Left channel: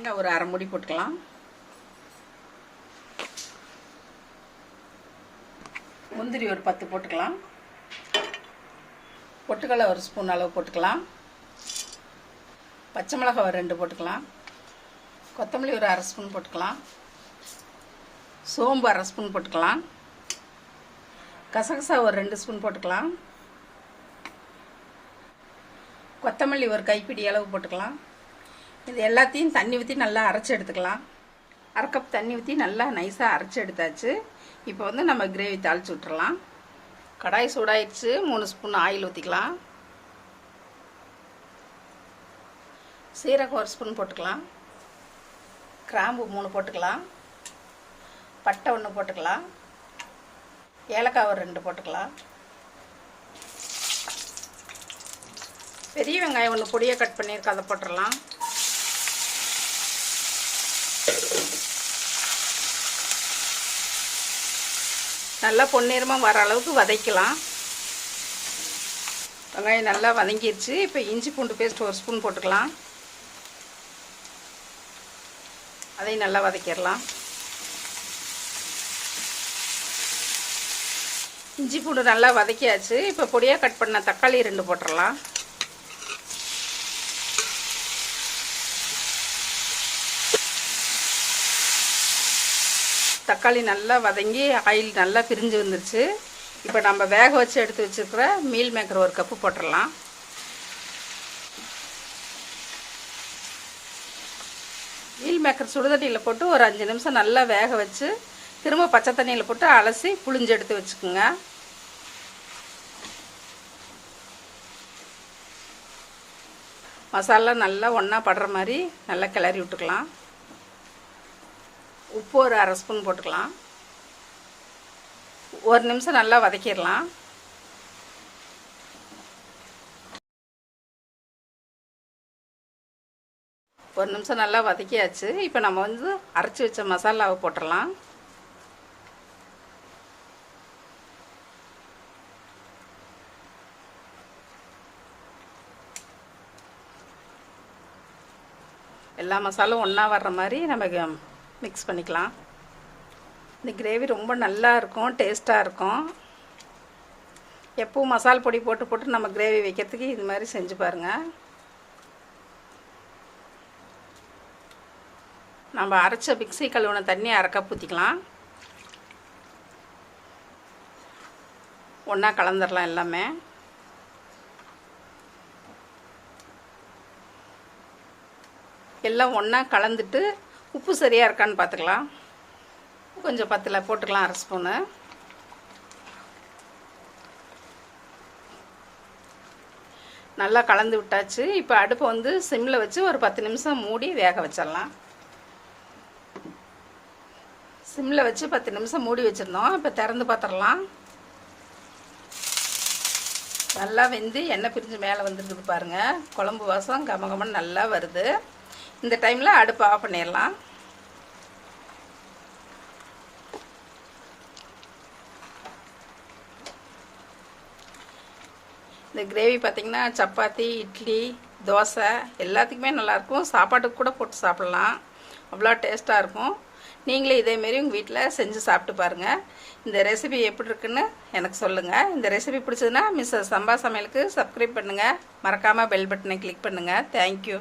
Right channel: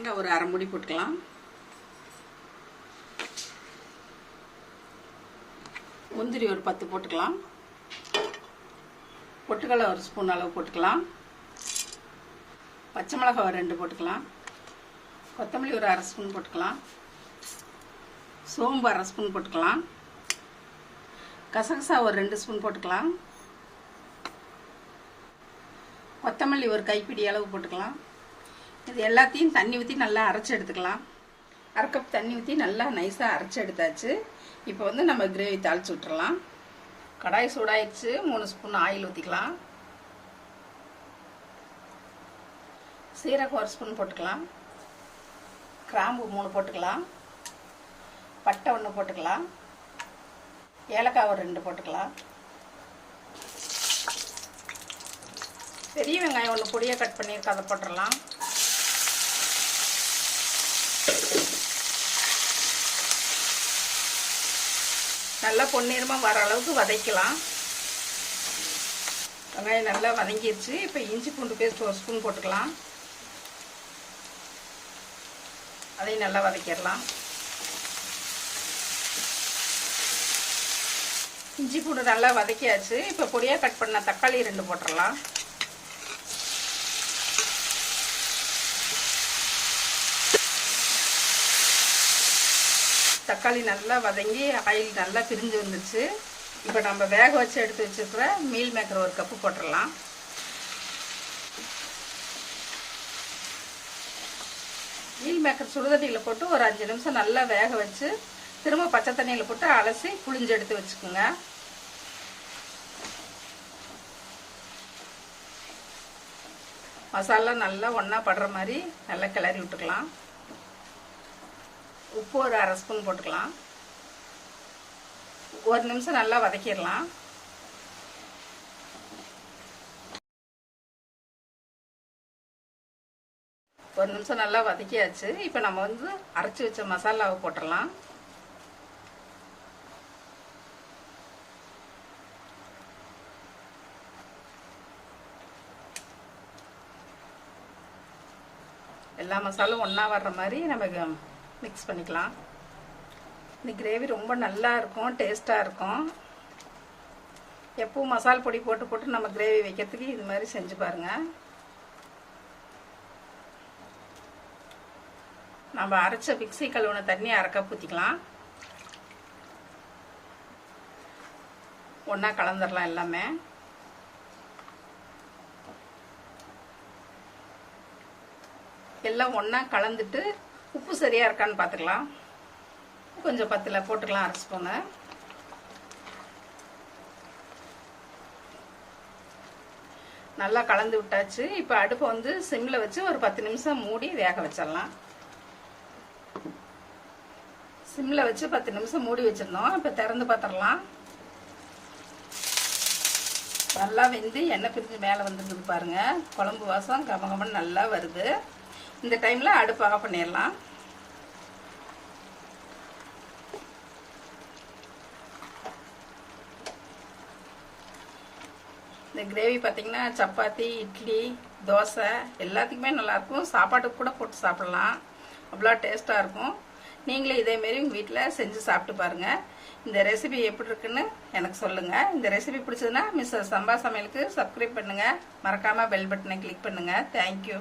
தேங்காய் ஒரு அரை மூடி போட்டுக்கலாம். முந்திரி ஒரு 10 போட்டுக்கலாம். பொட்டுக்கடலை ஒரு ஸ்பூன் அளவு போட்டுக்கலாம். பச்சை மிளகாய் ஒரு 2 போட்டுக்கலாம். கொத்தமல்லி ஒரு அரை ஸ்பூன் போட்டுக்கலாம். சோம்பு அரை ஸ்பூன் போட்டுக்கலாம். கசகசா ஒரு 2 ஸ்பூன் போட்டுக்கலாம். கொத்தமல்லி ஒரு கைப்பிடி அளவு போட்டுக்கலாம். இது எல்லாத்தையும் தண்ணி ஊற்றி நல்லா அரைச்சி எடுத்துக்கலாம். அரை கப் தண்ணி ஊற்றி நல்லா நைஸாக அரைச்சி எடுத்தாச்சு. இப்போ வந்து நம்ம கிரேவி தாளித்து விட்டுறலாம். கடாய் சூடாயிடுச்சு. 3 ஸ்பூன் ஆயில் ஊற்றிக்கலாம். சீரகம் ஒரு ஸ்பூன் போட்டுக்கலாம். கிராம்பு 3 போட்டுக்கலாம். பட்டை 1 போட்டுக்கலாம். ஏலக்காய் ஒரு 2 போட்டுக்கலாம். பெரிய வெங்காயம் 1 பொடியாக கட் பண்ணியிருக்க, அதை போட்டுடலாம். நல்லா பொன்னிறமாக வர அளவுக்கு வதக்கலாம். வெங்காயம் நல்லா வதங்கிடுச்சு. இப்போ இஞ்சி பூண்டு பேஸ்ட் ஒரு ஸ்பூன் போட்டுக்கலாம். அதையும் நல்லா வதக்கிடலாம். இஞ்சி பூண்டு நல்லா வதக்கியாச்சு. இப்போ பொடியாக கட் பண்ண தக்காளி 2 போட்டுடலாம். தக்காளி நல்லா வதங்கி ஆயில் நல்லா பிரிஞ்சு வந்துருச்சு. இப்போ நம்ம வேக வச்சு எடுத்து வச்சுருக்கிற மீல் மேக்கர் ஒரு கப்பு போட்டுடலாம். மீல் மேக்கர் சுடுதண்ணியில் போட்டு ஒரு 5 நிமிஷம் நல்லா வேக வச்சு திரும்ப பச்சை தண்ணியில் போட்டு அலசி புளிஞ்சு எடுத்து வச்சுக்கோங்க. மசாலா நல்லா ஒன்றா படுற மாதிரி நல்லா கிளறி விட்டுக்கலாம். உப்பு ஒரு அரை ஸ்பூன் போட்டுக்கலாம். 1 நிமிஷம் நல்லா வதக்கிடலாம். ஒரு நிமிஷம் நல்லா வதக்கியாச்சு. இப்போ நம்ம வந்து அரைச்சி வச்ச மசாலாவை போட்டுடலாம். எல்லா மசாலும் ஒன்றா வர்ற மாதிரி நம்ம மிக்ஸ் பண்ணிக்கலாம். இந்த கிரேவி ரொம்ப நல்லா இருக்கும், டேஸ்ட்டாக இருக்கும். எப்பவும் மசால் பொடி போட்டு போட்டு நம்ம கிரேவி வைக்கிறதுக்கு இது மாதிரி செஞ்சு பாருங்கள். நம்ம அரைச்ச மிக்ஸி கழுவுன தண்ணி அரை கப் ஊற்றிக்கலாம். ஒன்றா கலந்துடலாம் எல்லாமே. எல்லாம் ஒன்றா கலந்துட்டு உப்பு சரியாக இருக்கான்னு பார்த்துக்கலாம். கொஞ்சம் பத்தில் போட்டுக்கலாம், அரை ஸ்பூனு. நல்லா கலந்து விட்டாச்சு. இப்போ அடுப்பு வந்து சிம்மில் வச்சு ஒரு 10 நிமிஷம் மூடி வேக வச்சிடலாம். சிம்மில் வச்சு 10 நிமிஷம் மூடி வச்சுருந்தோம். இப்போ திறந்து பார்த்துடலாம். நல்லா வெந்து எண்ணெய் பிரிஞ்சு மேலே வந்துருக்குது பாருங்கள். குழம்பு வாசம் கமகமன்னு நல்லா வருது. இந்த டைமில் அடுப்பு ஆஃப் பண்ணிடலாம். இந்த கிரேவி பார்த்திங்கன்னா சப்பாத்தி, இட்லி, தோசை எல்லாத்துக்குமே நல்லாயிருக்கும். சாப்பாட்டுக்கு கூட போட்டு சாப்பிட்லாம். அவ்வளோ டேஸ்ட்டாக இருக்கும். நீங்களே இதேமாரி உங்கள் வீட்டில் செஞ்சு சாப்பிட்டு பாருங்கள். இந்த ரெசிபி எப்படி இருக்குன்னு எனக்கு சொல்லுங்கள். இந்த ரெசிபி பிடிச்சதுன்னா மிஸ்ஸஸ் சம்பா சமையலுக்கு சப்ஸ்கிரைப் பண்ணுங்கள். மறக்காமல் பெல் பட்டனை கிளிக் பண்ணுங்கள். தேங்க்யூ.